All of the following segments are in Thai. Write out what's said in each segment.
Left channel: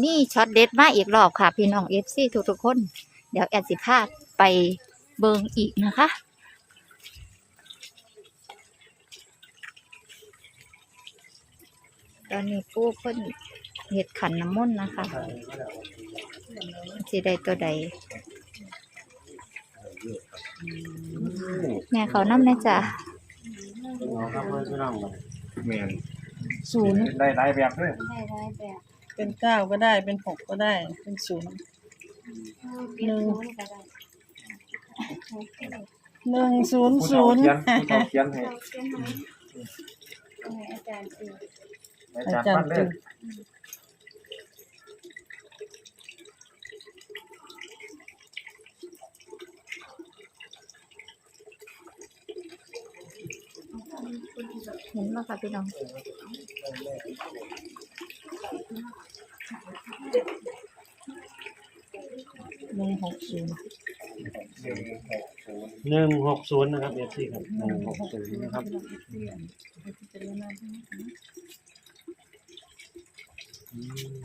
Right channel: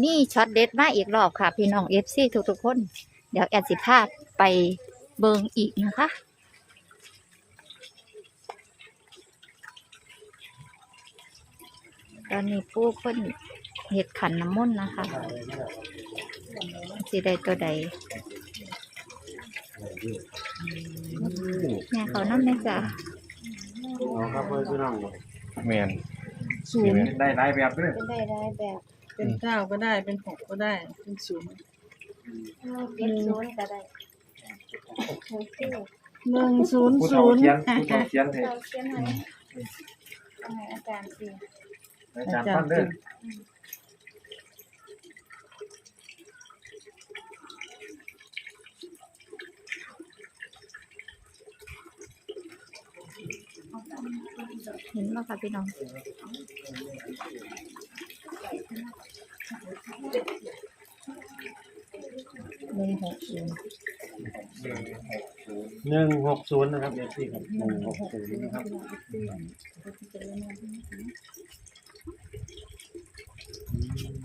นี่ช็อตเด็ดมาอีกรอบค่ะ พี่น้องเอฟซีทุกๆคน เดี๋ยวแอดสิพาไปเบิงอีกนะคะ ตอนนี้ปู่เพิ่นเห็ดขันน้ำมนต์นะคะสิได้ตัวใดแม่เขาน้ำนะจ๊ะแมนศูนย์ได้หลายแบบด้วยได้ได้แบบ เป็นเก้าก็ได้เป็นหกก็ได้ เป็นศูนย์เป็นศูนย์ก็ได้หนึ่งศูนย์ผู้ศูเฒ่านย์เขียนผู้เฒ่าเขียนให้เราเขียนให้เอาให้อาจารย์สิอาจารย์ปั้นเด้อเห็นไหมคะพี่น้อง หนึ่งหกศูนย์หนึ่งหกศูนย์หนึ่งหกศูนย์นะครับเอฟซีครับหนึ่งหกศูนย์นะครับ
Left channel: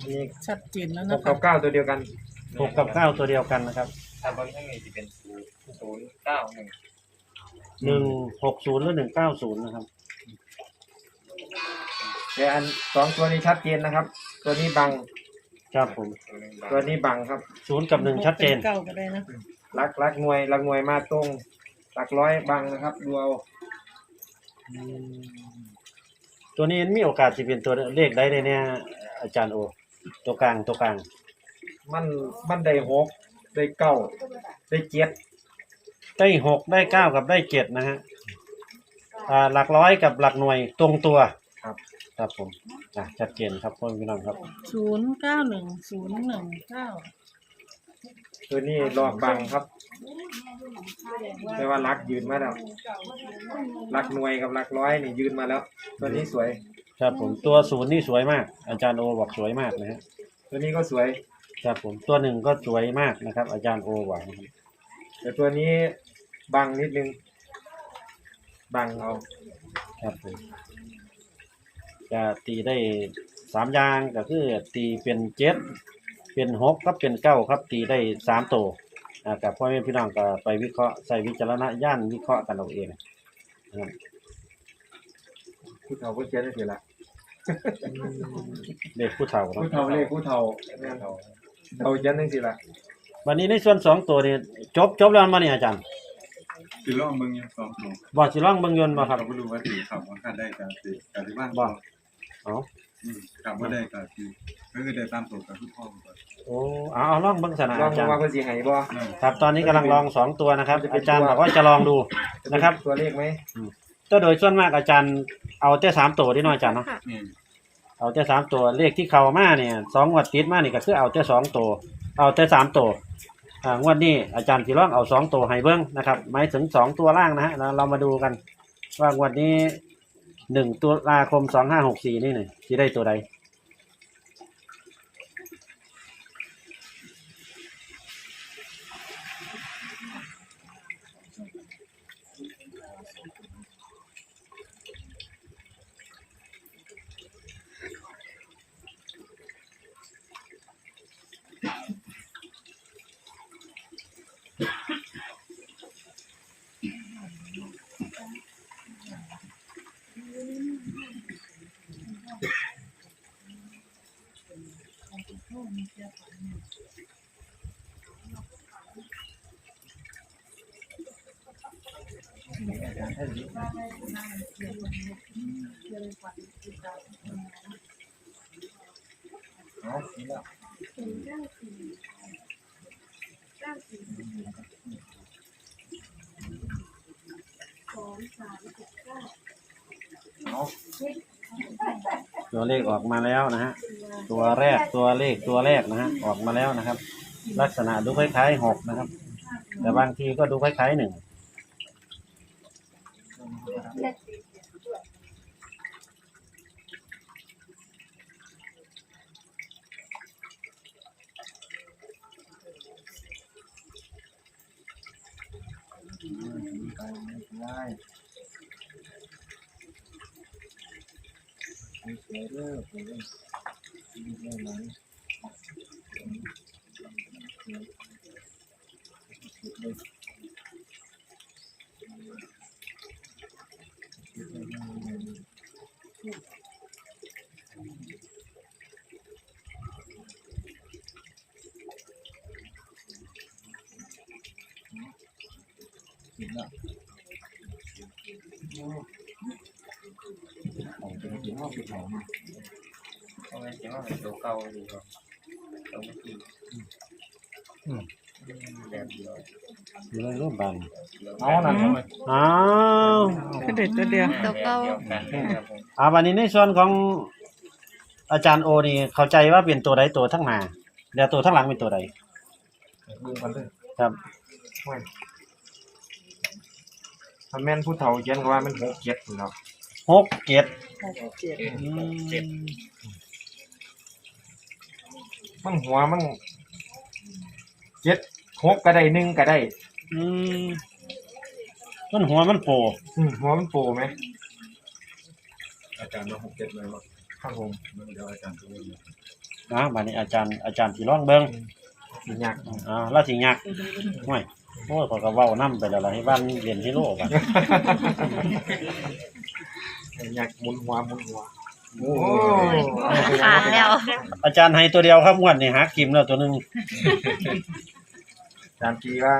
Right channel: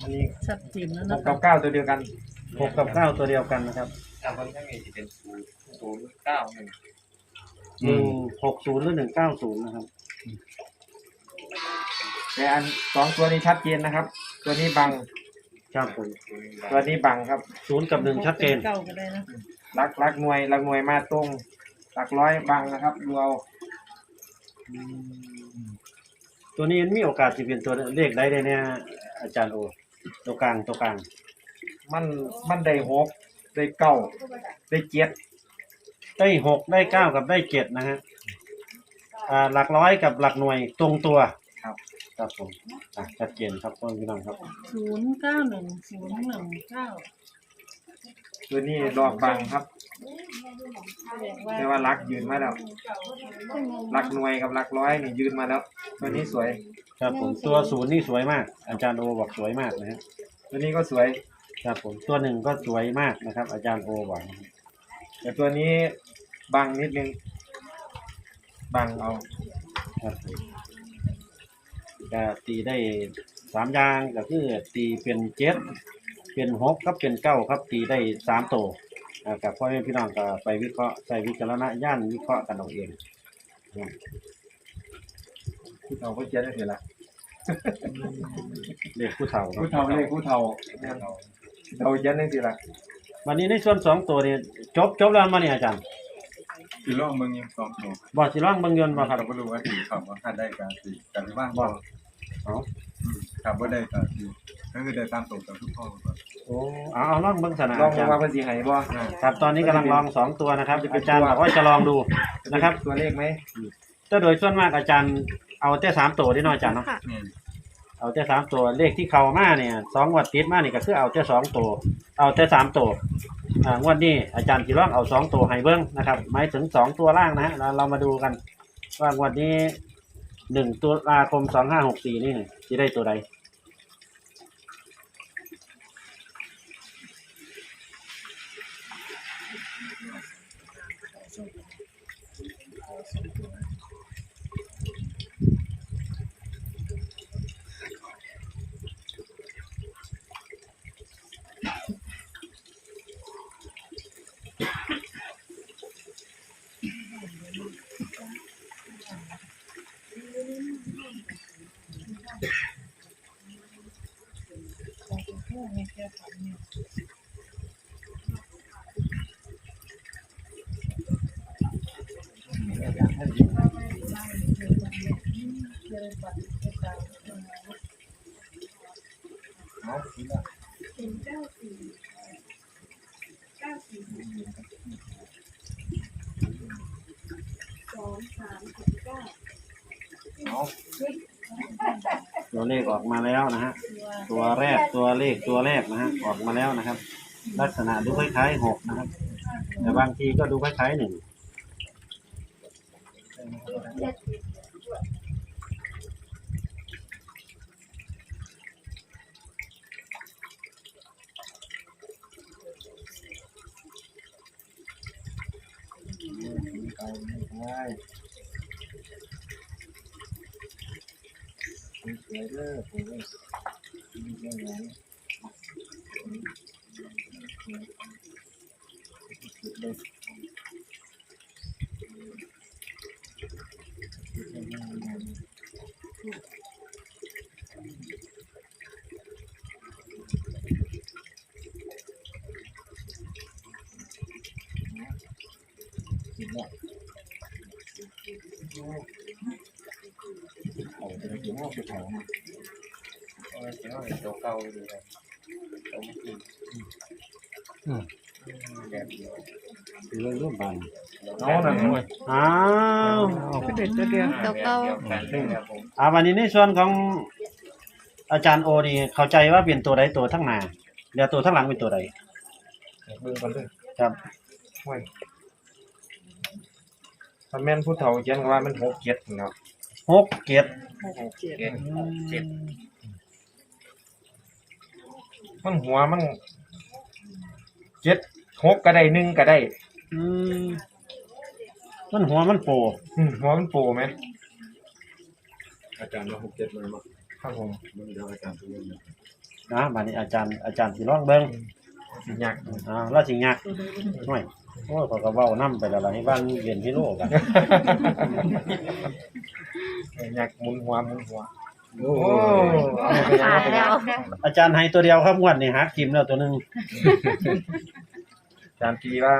อันนี้ชัดเจนแล้วหนะกกัคะบเก้าตัวเดียวกันหกกับเก้าตัวเดียวกันนะครับถ้าบางทั้งนี้จะเป็นศูนย์ศูนย์เก้าหนึ่งหนึ่งหกศูนย์หรือหนึ่งเก้าศูนย์นะครับแต่อันสองตัวนี้ชัดเจนนะครับ ตัวนี้บังครับผมศูนย์หนึ่งบาทตัวนี้บังครับ ศูนย์กับหนึ่งชัดเจน เก้าก็ได้นะรักรักหน่วยรักหน่วยมาตรงหลักร้อยบังนะครับดูเอาอืมตัวนี้มีโอกาสจะเป็นตัวเลขได้ได้เนี่ยอาจารย์โอ ตัวกลางตัวกลาง มันมันได้หกได้เก้าได้เจ็ดได้หกได้เก้ากับได้เจ็ดนะฮะอ่าหลักร้อยกับหลักหน่วยตรงตัวครับ ครับผมอะชัดเจนครับพ่อพี่น้องครับ ศูนย์เก้าหนึ่งศูนย์หนึ่งเก้าตัวนี้หลอกบังครับ แต่ว่ารักยืนมาแล้วรักหน่วยกับรักร้อยนี่ยืนมาแล้ว ตัวนี้สวย ครับผมตัวศูนย์นี่สวยมาก อาจารย์โอบอกสวยมากนะฮะตัวนี้ก็สวย ครับผมตัวหนึ่งก็สวยมากนะครับ อาจารย์โอบอกนะครับแต่ตัวนี้บังนิดนึง บังเอา ครับผม จะตีได้สามอย่างก็คือตีเป็นเจ็ดเป็นหกครับเป็นเก้าครับตีได้สามตัวอ่ากับพ่อแม่พี่น้องก็ไปวิเคราะห์ใส่วิจารณญาณวิเคราะห์กันเอาเองนะครับผู้เฒ่าผู้เขียนเสียละเลขผู้เฒ่าครับผู้เฒ่าเลขผู้เฒ่าเราเขียนนั่นสิละวันนี้ในส่วนสองตัวนี่จบจบแล้วมาเนี่ยอาจารย์คือลองเบิ่งยังสองตัวบอกสิร่องเบิ่งยนต์มาครับเราก็รู้ว่าสีขับว่าคันได้การสีการที่ว่างบ่บ่ เอาอืมขับว่าได้การสีก็คือได้ตามตัวกับทุกพ่อก่อนโอ้เอาเอาลองเบิ่งสนะลองอาจารย์ว่าเพิ่นสิให้บ่ ครับตอนนี้กำลังลองสองตัวนะครับอาจารย์บอกว่าจะลองดูนะครับตัวเลขไหมแต่โดยส่วนมากอาจารย์เอาแต่สามตัวที่น้อยอาจารย์เนาะค่ะนี่เอาแต่สามตัวเลขที่เข้ามาเนี่ยสองงวดติดมานี่ก็คือเอาแต่สองตัว เอาแต่สามตัวอ่างวดนี้อาจารย์จิร่องเอาสองตัวให้เบิ้งนะครับหมายถึงสองตัวล่างนะฮะเราเรามาดูกันว่างวดนี้ หนึ่งตุลาคมสองห้าหกสี่นี่หนี่ยจะได้ตัวใด เอาทีละเอา ตัวเลขออกมาแล้วนะฮะ ตัวแรกตัวเลขตัวแรกนะฮะออกมาแล้วนะครับ ลักษณะดูคล้ายๆหกนะครับ แต่บางทีก็ดูคล้ายๆหนึ่งไปไม่ได้สวยเด้อ เอาไปกินข้าวไปเผามาะว่าจะว่าเป็นตัวเก่าดีครับตัวเมื่อกี้อืมแบบเดียวสีเรื่องรูปบันเอานั่นมันอ้าวก็เด็ดตัวเดียวตัวเก่าแบบเดียวกันครับผมอ่าวันนี้ในส่วนของอาจารย์โอนี่เข้าใจว่าเป็นตัวใดตัวทั้งหน้าแล้วตัวทั้งหลังเป็นตัวใดเบิ่งกันเด้อครับห้วยถ้าแม่นผู้เฒ่าเขียนก็ว่ามันหกเจ็ดเนาะหกเจ็ดเจ็ดเจ็ดมั นหัวมันเจ็ดหกก็ได้หนึ่งก็ได้ อืมมันหัวมันโปอืมหัวมันโปไหมอาจารย์ว่าหกเจ็ดเลยมั้งครับผมมันเดี๋ยวอาจารย์ตัวนี้นะบัดนี้อาจารย์อาจารย์สิร้องเบิ่งสิยากอ่าแล้วสิยักห่วยโอ้ยเขาก็เว้านํไปแล้วล่ะให้บ้านเรียนที่โลกอะยากหมุนหัวหมุนหัว โอ้โอ้เอาไปขาดแล้ว อาจารย์ให้ตัวเดียวครับงวดนี้หากิมแล้วตัวหนึงจามจีว่า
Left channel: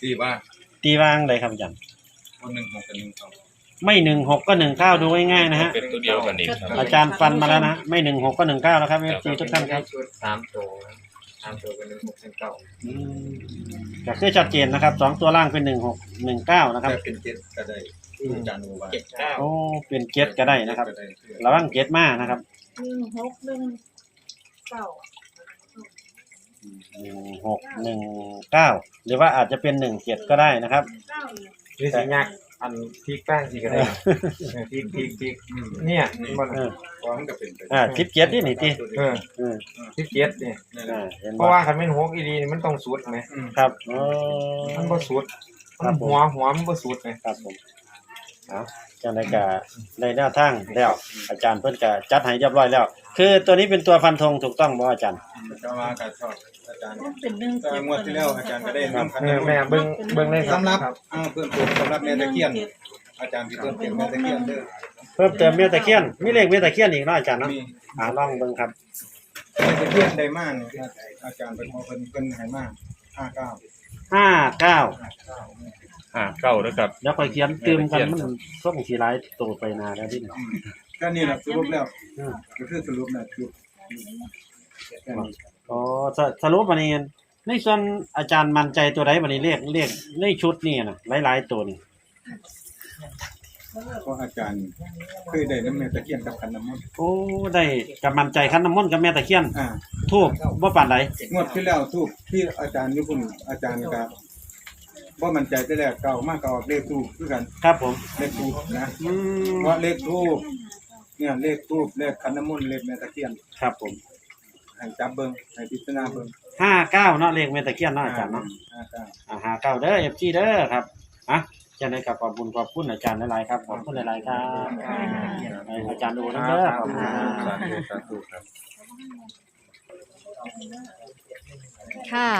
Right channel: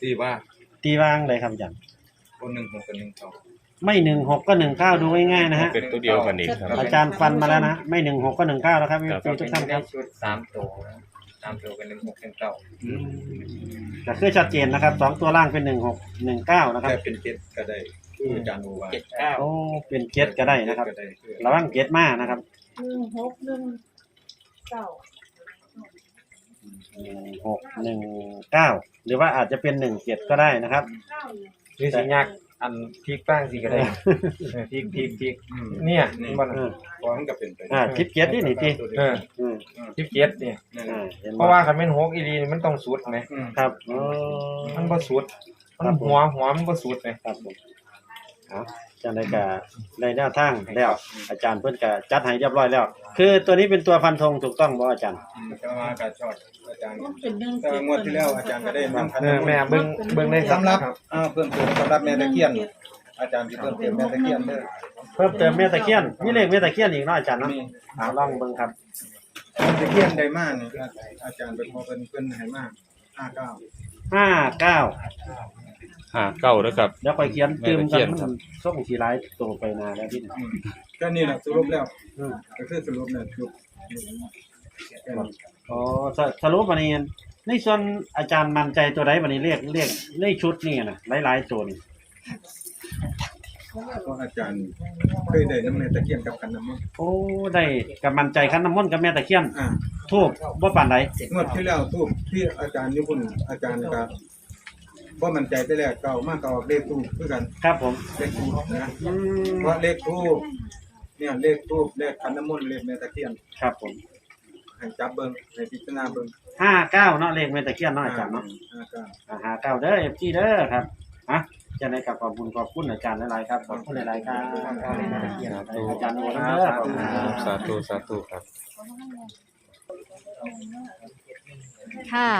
ที่ว่าตีวางเลยครับอาจารย์คนหนึ่งหกกับหนึ่งสอง ไม่หนึ่งหกก็หนึ่งเก้าดูง่ายๆนะฮะเป็นตัวเดียวกันเองครับ อาจารย์ฟันมาแล้วนะไม่หนึ่งหกก็หนึ่งเก้าแล้วครับครับทีทุกท่านครับ ชุดสามตัวนะสามตัวเป็นหนึ่งหกเป็นเก้าก็คือชัดเจนนะครับสองตัวล่างเป็นหนึ่งหกหนึ่งเก้านะครับแต่เป็นเจ็ดก็ได้ ที่อาจารย์โอว่าเจ็ดเก้าโอ้เป็นเจ็ดก็ได้นะครับก็ได้ระวังเจ็ดมานะครับหนึ่งหกหนึ่งเก้าหนึ่งหกหนึ่งเก้าหรือว่าอาจจะเป็นหนึ่งเจ็ดก็ได้นะครับ เก้าอยู่หรือสิยากอันพริกแป้งสิก็ได้เออพริกพริกพริกเนี่ยนี่มันเออ พร้อมกับเป็นไปอ่าคลิปเจ็ดนี่นี่ตีเออเออพริกเจ็ดนี่นั่นอ่าแหละเห็นเพราะว่าคันเป็นหกอีหลีนี่มันต้องสุดไหมครับโอ้ มันบ่สุด มันหัวหัวมันบ่สุดไหมครับผม เอาจังไดก็ได้แนวทางแล้ว อาจารย์เพิ่นก็จัดให้เรียบร้อยแล้ว คือตัวนี้เป็นตัวฟันธงถูกต้องบ่อาจารย์ ก็มาการชอบอาจารย์มันเป็นเรื่องก็งวดที่แล้วอาจารย์ก็ได้นำพันเออแม่เบิ่งเบิ่งเลยครับสำหรับอ้าวเพิ่มเติมสำหรับแม่ตะเคียน อาจารย์ที่เพิ่มเติมแม่ตะเคียนเด้อเพิ่มเติมเมียตะเคียนมีเลขเมียตะเคียนอีกเนาะอาจารย์เนาะมีอ่าลองเบิ่งครับแม่ตะเคียนได้มากนี่อาจารย์เป็นพอเพิ่นเพิ่นให้มากห้าเก้าห้าเก้า ห้าเก้า แล้วกับเดี๋ยวค่อยเขียนตืมกันมันส่งสีร้ายตัวไปนาแล้วที่อืมก็นี่แหละสรุปแล้วอืมก็คือสรุปแล้วยุบแค่นี้อ๋อสสรุปวันนี้ในส่วนอาจารย์มั่นใจตัวใดวันนี้เรียกเรียกในชุดนี่นะหลายๆตัวนี่เพราะอาจารย์เคยได้น้ำแม่ตะเคียนกับขันน้ำมันต์โอ้ได้กับมั่นใจคันน้ำมนต์กับแม่ตะเคียนอ่าทูบบ่ปานใดงวดที่แล้วทูบที่อาจารย์ญี่ปุ่นอาจารย์ก็บ่ มั่นใจแต่แรกเก่ามากก็ออกเลขทูบคือกันครับผมเลขทูบนะอืมเพราะเลขทูบเนี่ยเลขทูบเลขขันน้ำมนต์เลขแม่ตะเคียนครับผมให้จับเบิ่งให้พิจารณาเบิ่งห้าเก้าเนาะเลขแม่ตะเคียนเนาะอาจารย์เนาะห้าเก้าอ่าห้าเก้าเด้อเอฟซีเด้อครับอะจะได้กับขอบคุณขอบคุณอาจารย์หลายๆครับขอบคุณหลายๆครับให้อาจารย์ดูนะเด้อขอบคุณครับ สาธุสาธุครับ ค่ะ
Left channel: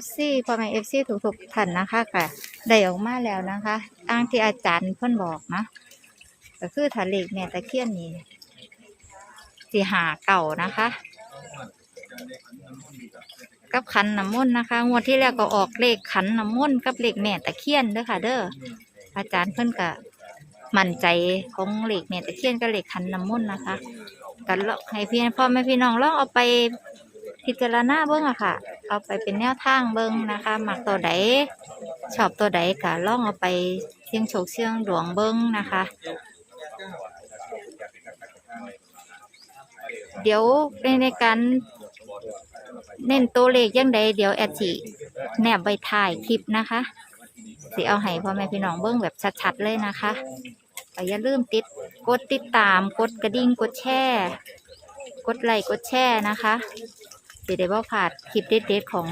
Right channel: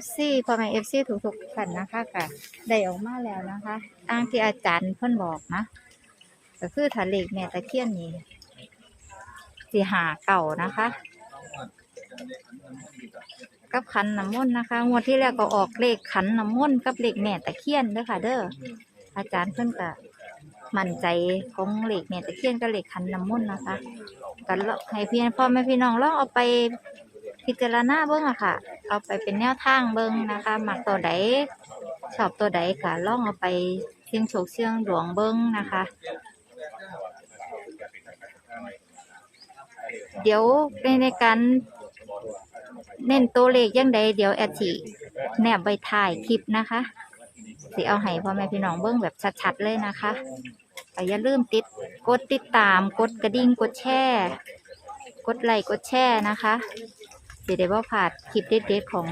FC พ่อแม่ FC ทุกๆท่านนะคะก็ได้ออกมาแล้วนะคะอ้างที่อาจารย์เพิ่นบอกนะก็คือถ้าเลแม่ตะเคียนนี่สิหาเก่านะคะ กับขันน้ำมนต์นะคะงวดที่แล้วก็ออกเลขขันน้ำมนต์กับเลขแม่ตะเคียนเด้อค่ะ เด้ออาจารย์เพิ่นก็มั่นใจของเลขแม่ตะเคียนกับเลขขันน้ำมนต์นะคะ กันให้พี่พ่อแม่พี่น้องลองเอาไปพิจารณาเบิ่งอะค่ะ เอาไปเป็นแนวทางเบิ่งนะคะหมักตัวใดชอบตัวใดก็ลองเอาไปเสี่ยงโชคเสี่ยงดวงเบิ่งนะคะ เดี๋ยวในในการเน้นตัวเลขยังใดเดี๋ยวแอดสิแนบไว้ถ่ายคลิปนะคะสิเอาให้พ่อแม่พี่น้องเบิ่งแบบชัดๆเลยนะคะ ก็อย่าลืมติดกดติดตาม กดกระดิ่งกดแชร์กดไลค์กดแชร์นะคะสิได้บ่พลาดคลิปเด็ดๆของ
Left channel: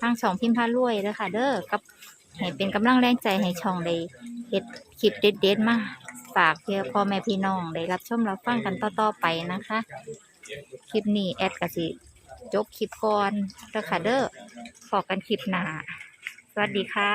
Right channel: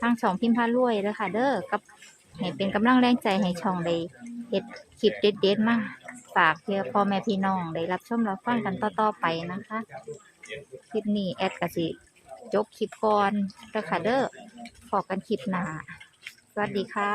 ทางช่องพิมพ์พารวยเด้อค่ะ เด้อกับให้เป็นกำลังแรงใจให้ช่องได้เฮ็ดคลิปเด็ดๆมาฝากเพื่อพ่อแม่พี่น้องได้รับชมรับฟังกันต่อๆไปนะคะ คลิปนี้แอดกะสิจบคลิปก่อนเด้อค่ะเด้อพอกันคลิปหน้าสวัสดีค่ะ